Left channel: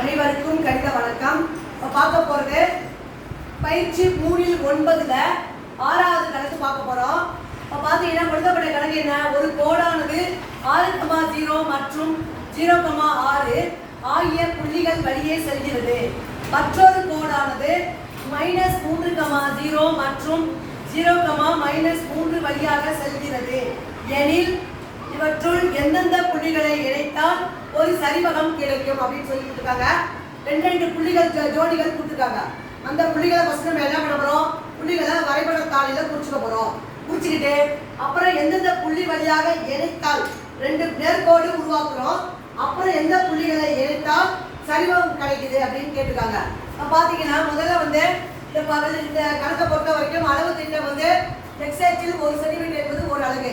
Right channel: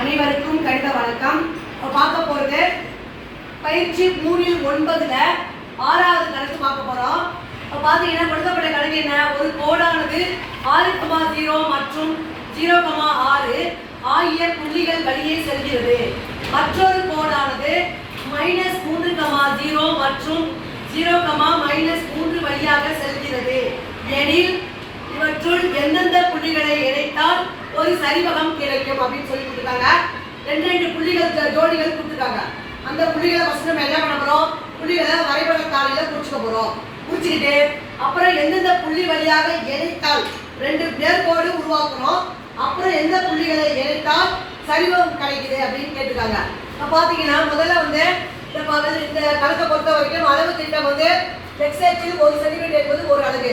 அனைவருக்கும் கணித வணக்கம். பார்க்க போறது பயிற்சி 3-9 ஆறாவது கணக்கு பார்க்க போறோம். பார்த்தீங்கன்னா கொடுக்கப்பட்ட கணக்கு என்ன, ஒரு கோடானது 6,0 மற்றும் 0,6 ஆகிய புள்ளிகள் வழியே செல்கிறது. மற்றொரு கோடானது -3,0 மற்றும் 0,-3 வழியாக செல்கிறது எனில் இவற்றுள் எந்தெந்த புள்ளிகளை இணைத்தால் ஒரு சரிவகம் கிடைக்கும் அப்படின்னு சொல்லி கொடுத்துருக்காங்க. ரெண்டு புள்ளிகள் ஜோடிகள் கொடுத்துருக்காங்க. அந்த புள்ளிகளை ஃபர்ஸ்ட் நம்ம என்ன பண்ண போறோம், புள்ளிகளை வரைபடத்தாளில குறிச்சுக்க போறோம். குறிச்சுக்கிட்டு அப்புறம் எந்தெந்த புள்ளி வழியாக இணைத்தால் ரெண்டு நேர்கோடு உருவாக்குறோம். அப்புறம் எந்த புள்ளிகளை இணைத்தால் சரிவகம் கிடைக்குது அப்படின்னு கேட்டிருக்காங்க. பார்த்தீங்கன்னா முதல்ல வந்து இந்த கணக்கை பொறுத்த வரைக்கும் அளவு திட்டம் வந்து எக்ஸ் அச்சில் 1 சென்டிமீட்டர் என்பது ஒரு அலகு,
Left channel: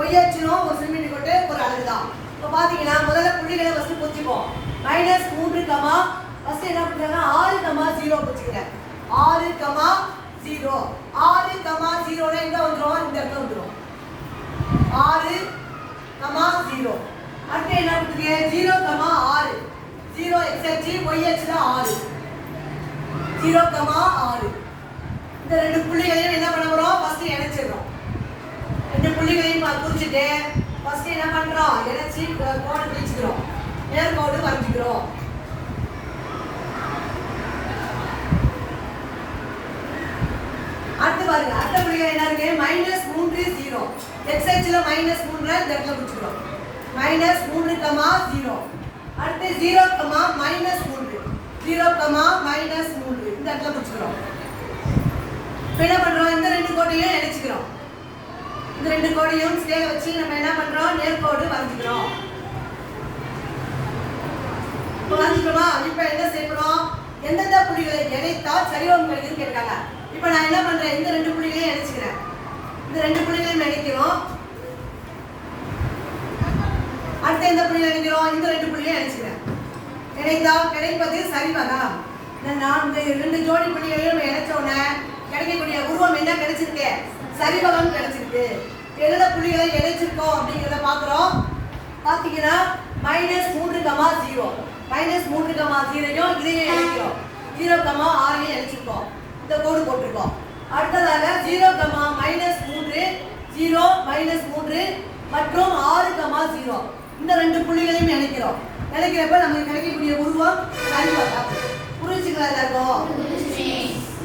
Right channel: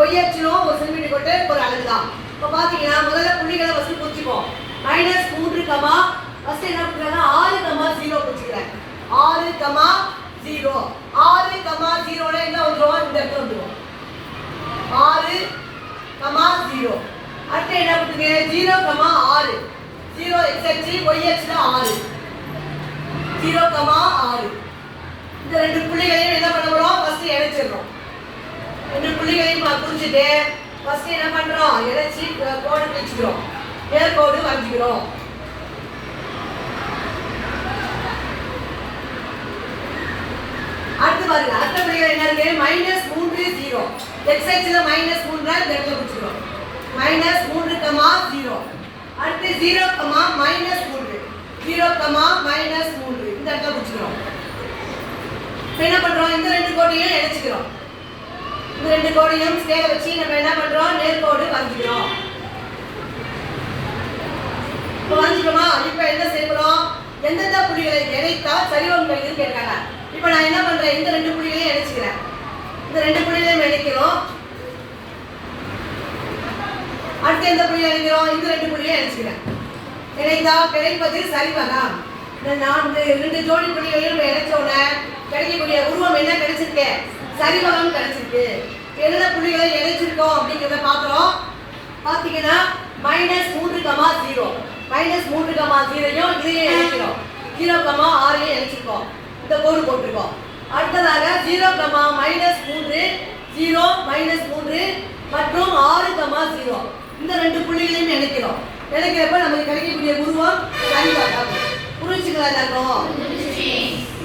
ஒய் அச்சிலும் 1 சென்டிமீட்டர் போட்டு ஒரு அலகு தான். இப்போ பார்த்தீங்கன்னா முதல்ல புள்ளிகளை ஃபஸ்ட்டு குறிச்சிப்போம். -3, ஃபஸ்ட்டு என்ன பண்ணுறாங்க 6,0 குறிச்சிக்கிறேன். 6,0 6,0 எங்கே வந்துடும், இந்த இடத்துல வந்துடும் 6,0. அடுத்து என்ன பண்ணுங்க 0,6 0 எக்ஸ் அச்சு ஒய் அச்சில் 6 0,6. இந்த ரெண்டு புள்ளிகளையும் என்ன பண்ண போறோம், ஃபர்ஸ்ட் இணைச்சிடுறோம். ரெண்டு புள்ளிகளையும் குறிச்சிட்டு ஃபர்ஸ்ட் என்ன பண்றோம், இணைச்சி கோடு கிழிச்சுக்கிறோம், நேர்கோடு வரைஞ்சிக்கிறோம். அடுத்து பாருங்க, அடுத்த புள்ளிகள் என்ன இருக்கு, -3 0 எக்ஸ் அச்சுல -3 இந்த இடத்துல குறிச்சிக்கிறோம். -3,0. அடுத்து 0,-3 0,-3 இந்த இடத்துல குறிச்சிக்கிறோம். என்ன பண்றோம், இந்த ரெண்டு கோட்டையும் இணைச்சிக்கிறோம். இந்த ரெண்டு கோட்டையும் ஸ்கேலை வச்சு நம்ம என்ன பண்றோம், நேர்கோடு வரைஞ்சிக்கிறோம். இப்போ வரைஞ்சிட்டோமா, இப்போ என்ன செய்யறோம், எந்தெந்த புள்ளிகளை இணைத்தால் சரிவகம் கிடைக்குதுன்னு கேட்காங்க. இப்போ நான் என்ன பண்றேன், இந்த ரெண்டு புள்ளிகளையும் இணைச்சிக்கிறேன். இந்த ரெண்டு புள்ளிகளையும் இணைக்கிறோம். அடுத்து எந்த புள்ளியை இணைக்கிறோம், இந்த ரெண்டு புள்ளிகளையும் இணைச்சிக்கிறேன். இணைத்தால் கிடைப்பது சரிவகம். இந்த ரெண்டு ஜோடி புள்ளிகளையும் இணைச்சோன்னே கிடைக்கக்கூடிய உருவம் என்ன கிடைச்சிருக்கு, சரிவகம் கிடைச்சிருக்கு. எந்த புள்ளிகளை இணைச்சிருக்கோம் அப்படிங்கிறத பார்க்குறோம். பார்த்தீங்கன்னா -3,0 -3,0 இதையும் இணைக்கிறோம். 0,6 இணைச்சிருக்கோம், இந்த கோடு போட்டிருக்கோம். அடுத்ததாக 0,-3 0 -3 மற்றும் 6,0 இந்த ரெண்டு புள்ளிகளையும் இணைக்கிறோம். இணைக்கிறப்ப நமக்கு கிடைக்கக்கூடிய உருவம் சரிவகம். புரிஞ்சுக்கலாம் எல்லாரும்.